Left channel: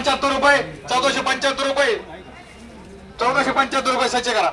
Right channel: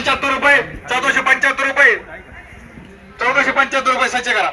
पंच्याहत्तर रुपये चौदाशे पंच्याहत्तर रुपये चौदाशे पंच्याहत्तर रुपये सच्चे करा.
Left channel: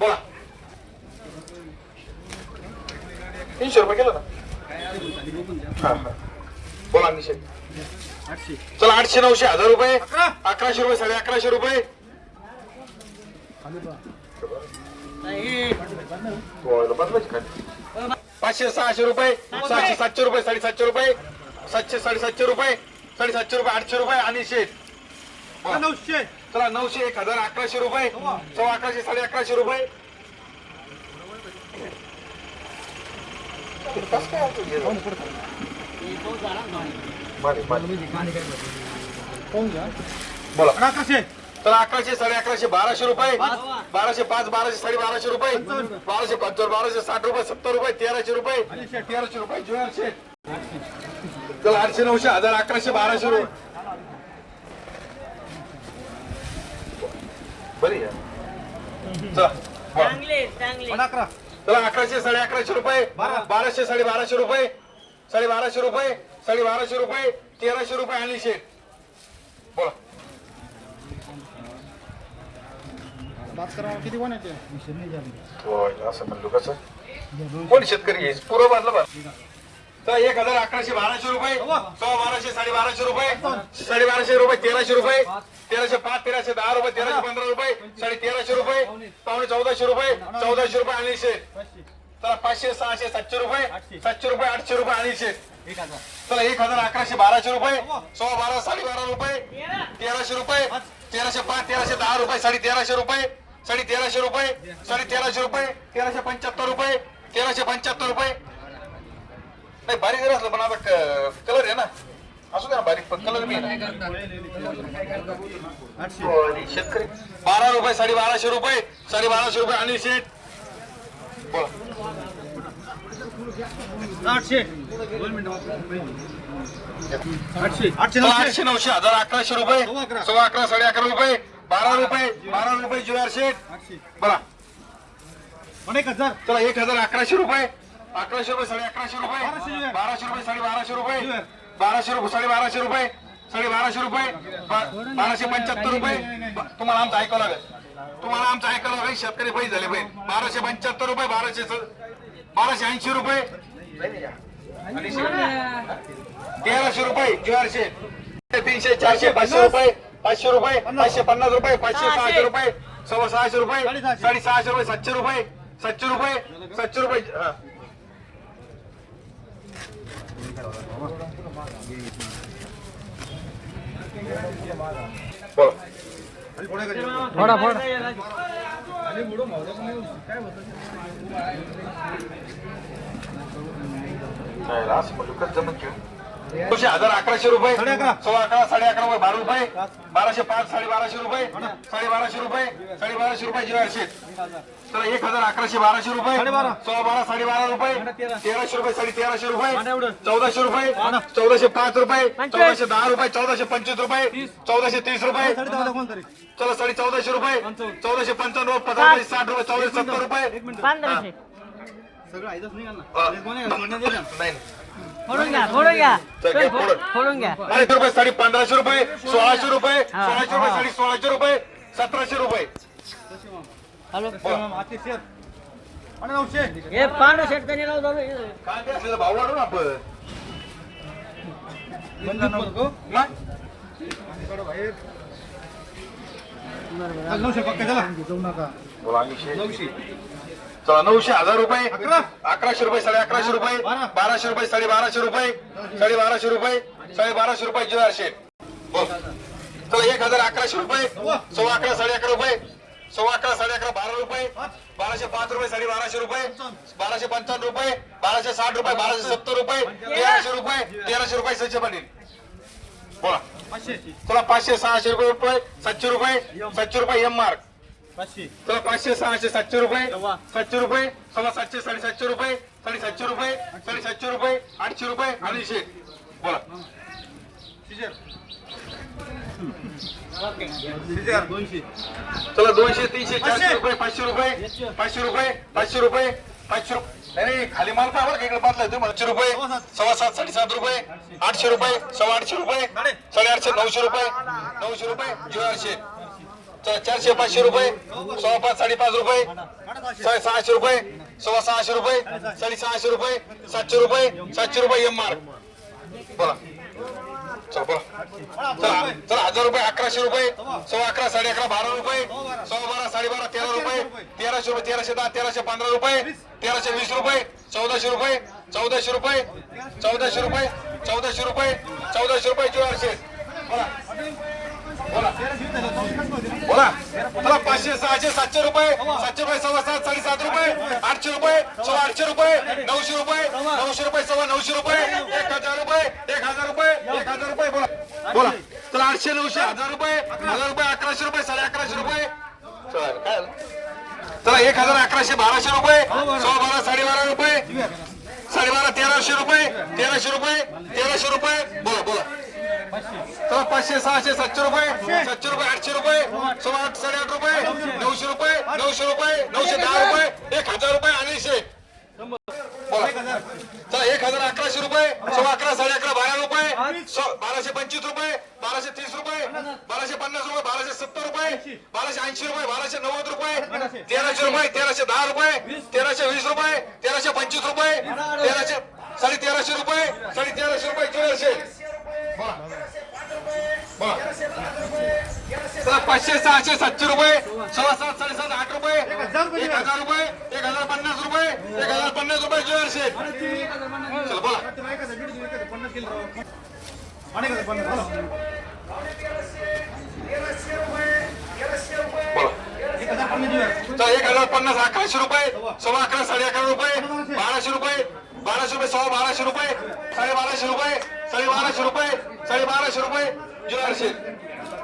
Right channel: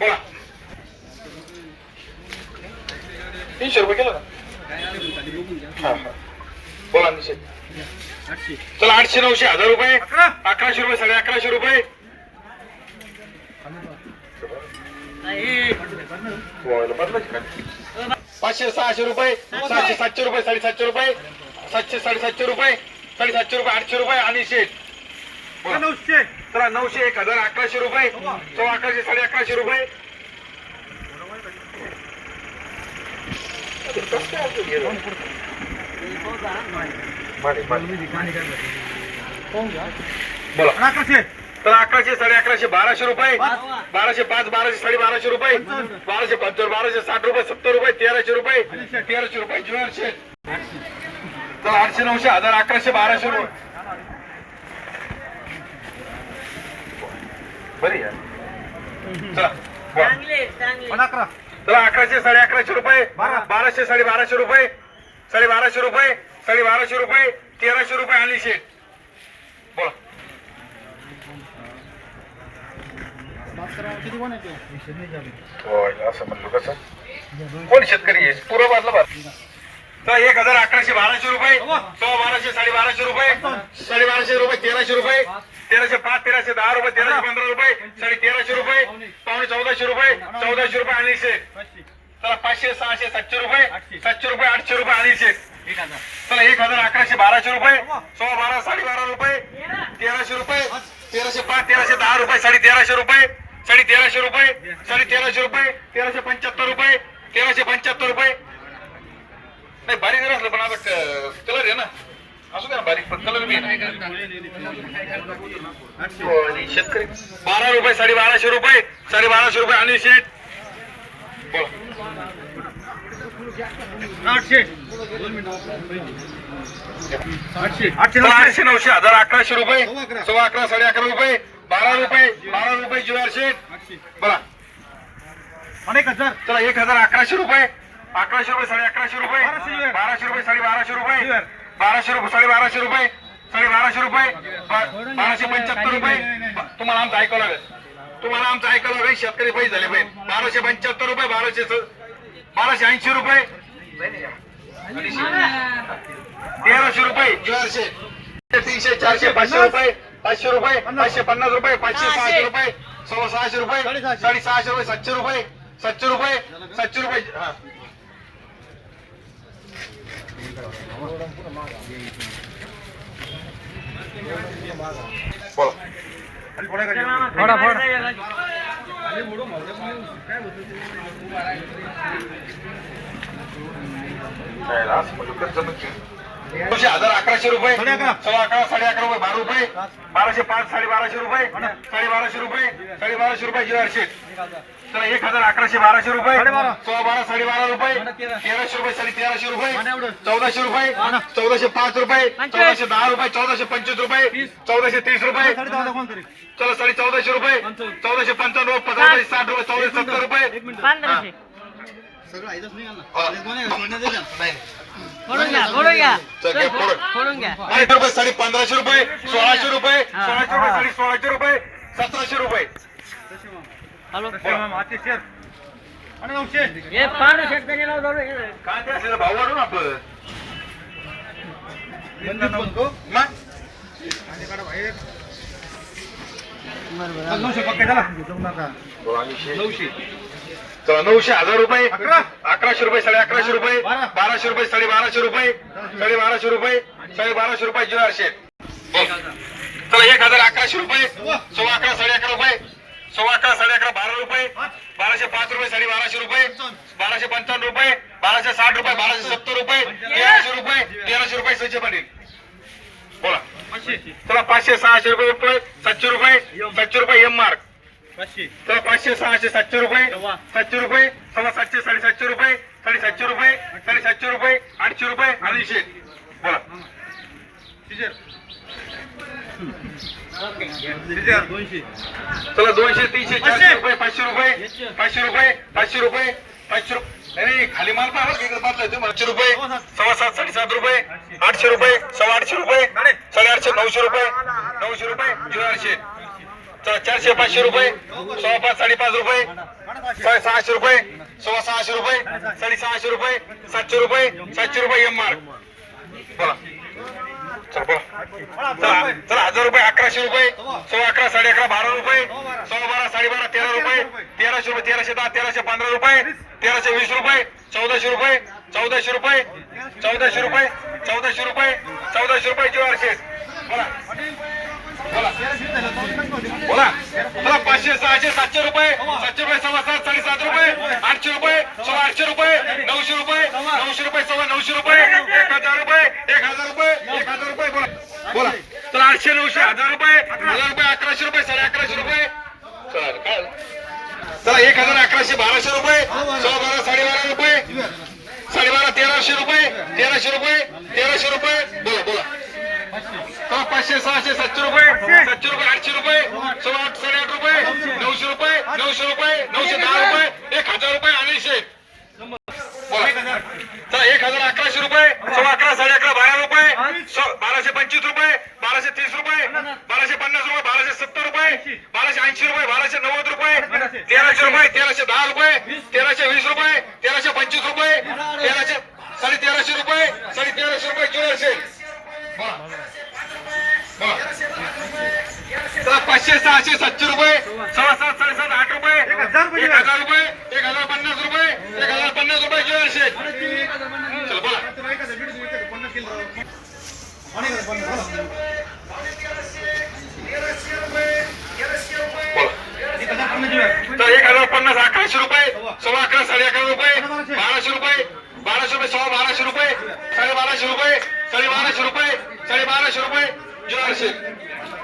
बोला. तीनशे रुपये केलं ना. बोला निषेध. चला आठशे नऊशे हजार रुपये अकराशे रुपये साडे अकराशे रुपये. पाचशे सहाशे रुपये सहाशे सातशे रुपये साडेसातशे रुपये सातशे साडेसातशे रुपये साडेसातशे रुपये आठशे रुपये आणि शेठ. नऊशे. चला नऊशे एक हजार अकराशे रुपये. सव्वा अकराशे साडे अकराशे रुपये. बोला. अकराशे. तर अकराशे साडे अकराशे बाराशे रुपये. बाराशे पाच बाराशे साडे बाराशे रुपये. बाराशे पंचावन्न बाराशे साठ रुपये सत्तर रुपये तेराशे रुपये. तेराशे रुपये ज्वेलरशे तर आठशे नऊशे हजार अकराशे बाराशे रुपये बरी आहे. चला अकराशे साडे अकराशे रुपये बाराशे साडे बाराशे रुपये. साडे बाराशे रुपये. साडे बाराशे रुपये तेराशे रुपये आणि शेठ बोला असं म्हणलो कसं? कोण शेतकरी आहे? पूर्व बाजला बार तर एक हजार अकराशे बाराशे रुपये. सव्वा बाराशे साडे बाराशे रुपये. साडे बाराशे रुपये तेराशे रुपये. तेराशे पाच तेराशे दहा रुपये तेराशे पंधरा रुपये साडे तेराशे रुपये पावणे चौदाशे रुपये चौदाशे रुपये आणि शेठ चला पाचशे सहाशे सातशे रुपये. सातशे रुपये आठशे रुपये हजार. चला एक हजार अकराशे बाराशे रुपये. सव्वा बारा साडे बारा रुपये. तेराशे रुपये. तेराशे पाच तेराशे दहा रुपये साडे तेराशे रुपये. साडे तेराशे रुपये साडे तेराशे रुपये. तेराशे पंच्याहत्तर रुपये. तेराशे पंच्याहत्तर रुपये. नाही बारीक जर असलं पण आता कलर आहे ना. असू द्या ना बारीक पण कलर मी शेतकरी बारा रुपये साडे बाराशे रुपये साडे बाराशे रुपये आणि शेट आठशे. नऊशे. हजार अकराशे रुपये सव्वा अकरा. साडे अकरा रुपये बारा रुपये बारा रुपये शेट आठशे. बोला. एक हजार. चला एक हजार अकराशे रुपये. अकराशे रुपये साडे अकराशे रुपये. बाराशे रुपये. साडे बाराशे रुपये. बाराशे रुपये साडे बाराशे रुपये साडे बाराशे रुपये. बाराशे पंच्याहत्तर रुपये. तुम्हाला आमचं ऐकावं लागेल. तुम्हाला आमचं ऐकावं लागेल. शेतकरी पैसे झाले पाहिजे. बाराशे पंच्याहत्तर रुपये बाराशे स- बाराशे ऐंशी रुपये. तेराशे रुपये. चारशे. तीनशे चारशे पाचशे रुपये. पाचशे रुपये पाचशे पन्नास रुपये पाचशे सहाशे. रुपये सव्वा सहाशे रुपये साडे सहाशे रुपये सातशे रुपये सातशे रुपये सातशे रुपये हा. फोडा फोडा काय रे, असं दोनशे हजार अकराशे रुपये? साडे अकरा. साडे अकरा रुपये बारा रुपये. बाराशे पाच साडे बाराशे रुपये. साडे बाराशे रुपये साडे बाराशे रुपये ज्वेलरशे तर एक हजार. अकराशे बाराशे रुपये. सव्वा बारा. साडे बारा रुपये. तेरा. तेराशे रुपये साडे तेराशे रुपये. चौदाशे रुपये. चौदाशे पाच रुपये. चौदाशे दहा रुपये चौदाशे पंचवीस रुपये. चौदाशे तीस रुपये. चला साडे चौदाशे रुपये. चौदाशे पंचावन्न रुपये चौदाशे साठ रुपये चौदाशे सत्तर रुपये. पंधराशे. सगळं नाही. रुपये साडे पंधराशे रुपये सोळाशे रुपये सोळाशे रुपये साडे सोळाशे रुपये सतराशे रुपये. काय भाव वाढू ना नऊशे पक्के चला. नऊशे. नऊशे हजार रुपये अकरा. अकराशे रुपये साडे अकराशे रुपये बारा. बाराशे रुपये साडे बाराशे रुपये साडे बाराशे रुपये साडे बाराशे रुपये ज्वेलरशे चला एक हजार अकराशे रुपये सव्वा. अकरा साडे अकरा रुपये सव्वा अकरा साडे अकरा बारा रुपये बाराशे पाच रुपये साडे बाराशे रुपये बाराशे पंचावन्न रुपये बाराशे साठ रुपये बाराशे सत्तर रुपये तेराशे रुपये तेराशे रुपये सच्चे पाटील. बोला. चला पाचशे सहाशे रुपये रुपये सातशे रुपये सातशे रुपये एम मार्क पाचशे. चला पाचशे सहाशे सातशे रुपये. सातशे रुपये सव्वा सातशे साडेसातशे रुपये साडेसातशे रुपये साडेसातशे रुपये आठशे रुपये आणि शे बोला. सिजर. सिजर. दोनशे. चला दोनशे तीनशे चारशे. रुपये पाचशे रुपये पाचशे रुपये पाचशे रुपये पाचशे रुपये नाही खाली माल पाहा बरं का, इकडे बादला तुम्ही. आठशे रुपये सव्वा सात. साडेसात रुपये आठशे रुपये सव्वा आठशे रुपये साडेआठशे नऊशे रुपये नऊशे रुपये झिरो आठशे चारशे पाचशे रुपये सव्वा पाच साडेपाच रुपये साडे सहाशे रुपये सव्वा सहाशे रुपये साडे सहाशे रुपये सातशे रुपये सातशे रुपये एम मार्क बोला. चला बोला. चला चला हजार रुपये अकराशे रुपये सव्वा अकरा साडे अकरा बारा रुपये सव्वा बारा साडेबारा तेरा रुपये तेराशे रुपये तेराशे दहा तेराशे पंधरा रुपये तेराशे वीस रुपये चौदाशे रुपये चौदाशे रुपये चौदाशे रुपये चौदाशे रुपये चौदाशे रुपये चारशे बोला. बोला. बोला चला पाचशे सहाशे सातशे रुपये सातशे रुपये सव्वा सात साडेसात रुपये आठशे रुपये सव्वा आठशे रुपये नऊशे रुपये नऊशे रुपये सव्वा नऊशे रुपये एक हजार रुपये एक हजार रुपये एक हजार रुपये बोला. बोला. चला आठशे नऊशे हजार रुपये हजार रुपये अकराशे रुपये साडे अकराशे रुपये. चला चला एक हजार अकराशे बाराशे रुपये सव्वा बारा साडेबारा रुपये साडेबारा तेराशे रुपये तेराशे रुपये तेराशे रुपये बोला बोला. पाचशे सहाशे सातशे रुपये सातशे रुपये आठशे रुपये सव्वा आठ साडेआठ रुपये नऊशे रुपये नऊशे रुपये नऊशे दहा रुपये एक हजार रुपये अडीचशे चला एक हजार अकराशे रुपये सव्वा अकरा साडे अकरा बारा रुपये बाराशे पंचवीस रुपये बाराशे तीस रुपये बाराशे पन्नास रुपये बाराशे सत्तर रुपये बाराशे ऐंशी रुपये बाराशे नव्वद रुपये तेराशे रुपये तेराशे दहा रुपये तेराशे वीस रुपये पाचशे सहाशे सातशे रुपये सव्वा सात साडेसात आठ रुपये एक हजार रुपये एक हजार पन्नास रुपये एक हजार पन्नास रुपये तर एक हजार पन्नास अकराशे रुपये सव्वा अकरा साडे अकरा रुपये बाराशे रुपये बाराशे रुपये सव्वा बाराशे रुपये साडे बाराशे रुपये साडे बाराशे रुपये साडे बाराशे रुपये चारशे